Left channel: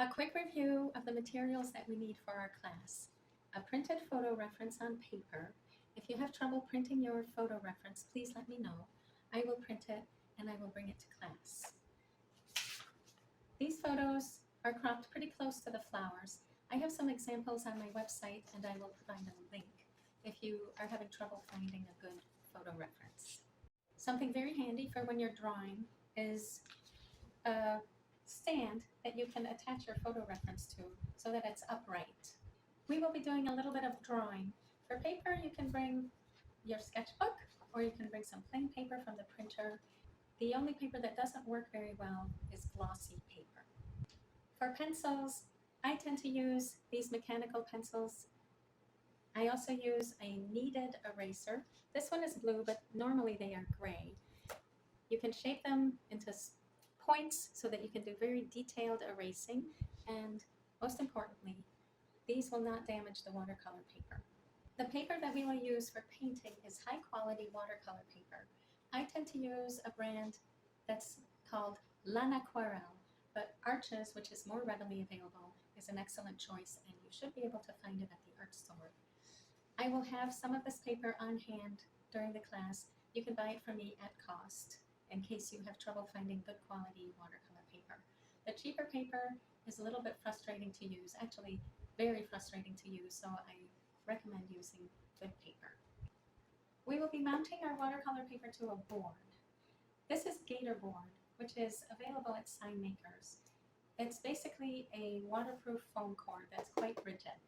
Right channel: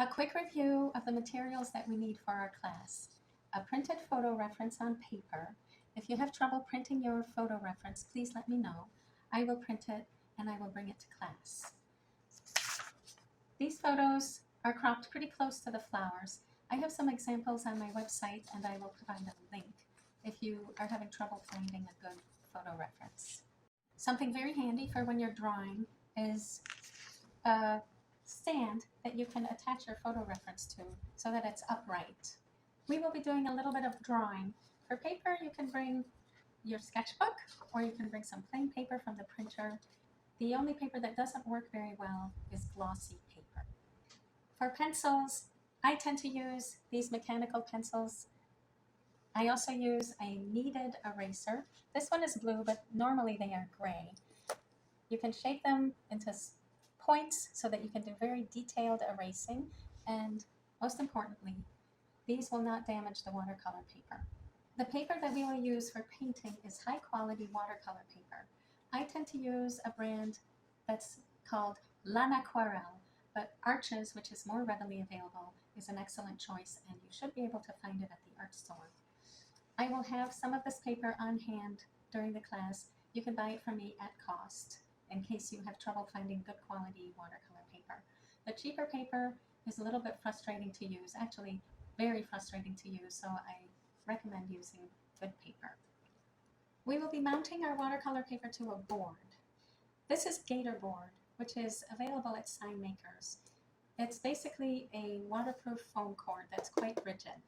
A quick review of the materials that we need for our class. A printed photo reference on paper. If you have trouble printing your photo reference, please let me know. I will print it and I will bring it to class. These photos are cropped pretty close to the flowers. I have some examples on my website and I will provide a link if you are having trouble finding a good photo reference. Something very handy for when you're drawing is a stand that you can attach your photo reference to so that it's upright. We will be doing a little bit of drawing. For paper, you can bring your sketchbook or you can bring some plain paper from the printer. The only paper that doesn't work very well is glossy paper. For pencils, I tend to use these mechanical pencils. I also use a kneaded eraser. This one is blue, but normally they are gray. You can shape them into points so that you can do very detailed erasing, and most importantly, these will not damage the watercolor paper. The paper that we will use for painting is high quality watercolor paper. I tend to use a brand that's called L'Aquarelle, but Arches, which is more readily available, is an excellent choice, and you should be able to find it at the art store. I will have some of this paper on hand during the class. You can buy it from me at cost in case you have trouble finding good quality watercolor paper. The cheaper paper is a little bit frustrating to use, actually very frustrating to use, so I recommend using good paper. We will be mounting our watercolor paper to a board. This is Gator board, which is available at sign makers. It's basically a waterproof foam core that's quite rigid.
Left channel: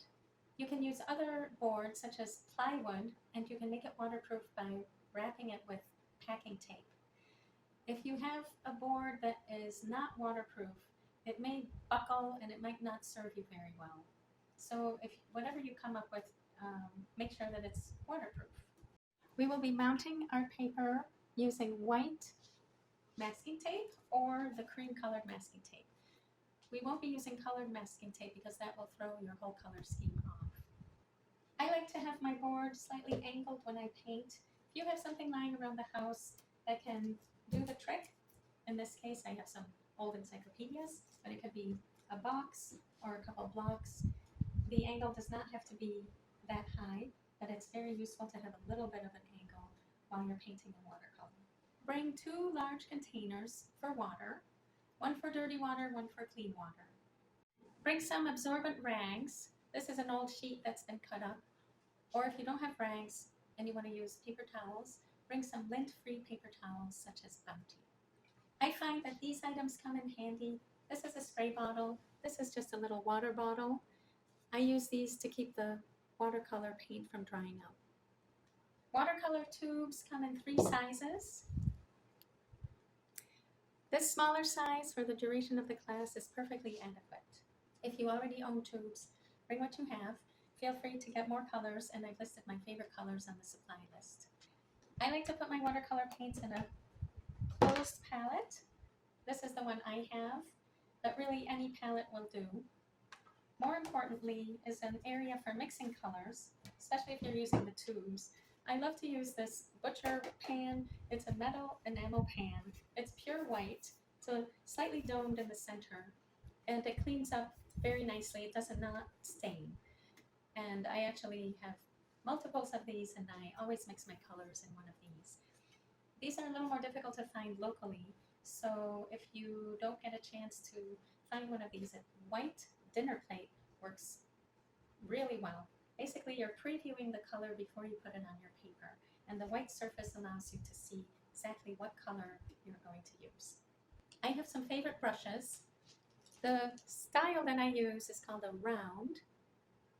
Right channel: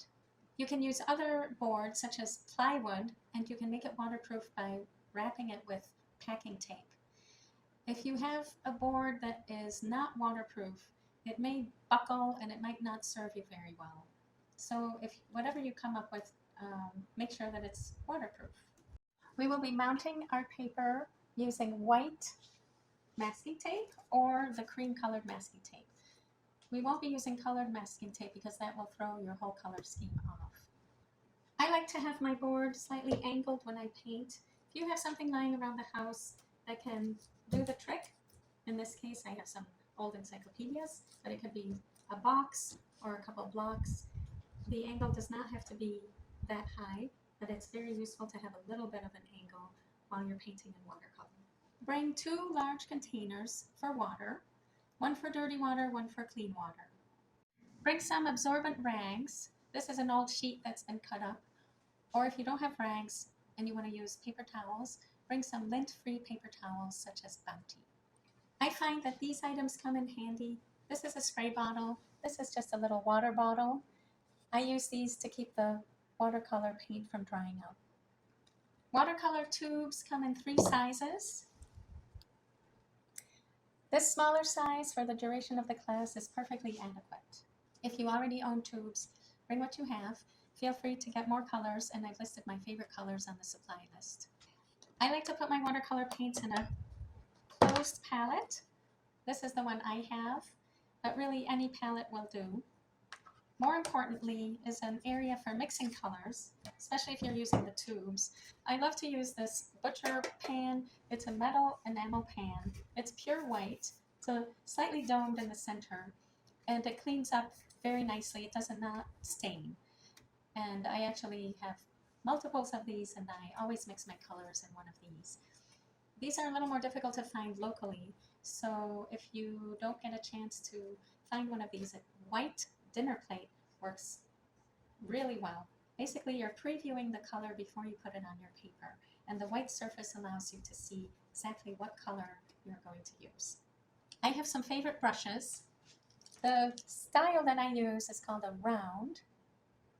You can use other boards such as plywood, and you can make it waterproof by wrapping it with packing tape. If you have a board that is not waterproof, it may buckle and it might not serve you very well. So if whatever you come up with, make sure that it's waterproof. We will be mounting our paper using white masking tape or the cream colored masking tape. We won't be using colored masking tape because that will throw your whole color scheme off. I like to have my board slightly angled when I paint. If you have something lying around the house that can do the trick, in this case I have some old encyclopedias, but it could be a box or a couple blocks. The angle does not have to be that high, but it's very useful to have a little bit of an angle while you're painting in watercolor. Bring 2 large containers for water, one for dirty water, one for clean water. Bring some absorbent rags. This is an old sheet that's been cut up. Or if you don't have rags and you want to use paper towels, bring some lint-free paper towels such as Bounty. I find that these items come in handy. This is a spray bottle. This is just a little water bottle. I use these to keep the watercolor paint from drying out. Watercolor tubes come in 3 sizes. This smaller size for the duration of the class is perfectly adequate. If you already own tubes, bring what you have. Feel free to get more colors, and I've listed my favorite colors on the supply list. I like to put my watercolor paints in a closed palette. This is the one I have, but really any palette will do. More importantly is an area for mixing colors, especially if you're using the tubes. I love to use this butcher pan. It's a metal enamel pan. It's pure white. It's slightly domed in the center, and it cleans up very nicely. It does not stain. And I actually have multiples of these, and I always mix my colors in one of these. These are a little more difficult to find locally, so if you don't get a chance to find one of these, a white dinner plate works really well. Basically, you're previewing the color before you put it on your paper, and the white surface allows you to see exactly what color you're going to use. I have some favorite brushes. The style that I use is called a round.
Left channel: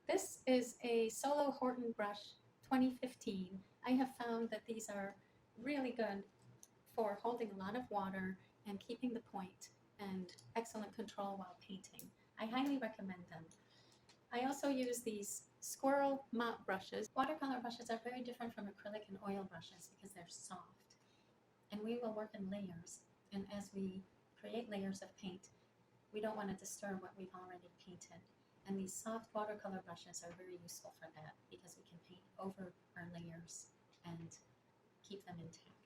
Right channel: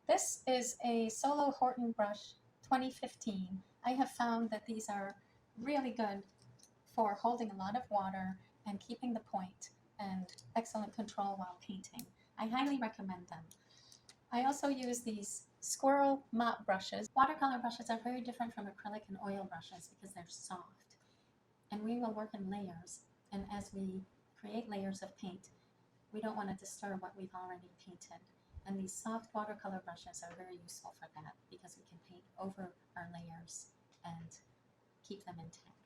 This is a Solo Horton brush 2015. I have found that these are really good for holding a lot of water and keeping the point, and excellent control while painting. I highly recommend them. I also use these squirrel mop brushes. Watercolor brushes are very different from acrylic and oil brushes because they're soft, and we will work in layers, and as we create layers of paint, we don't want to disturb what we've already painted. And these soft watercolor brushes are very useful for that because we can paint over our layers and keep them intact.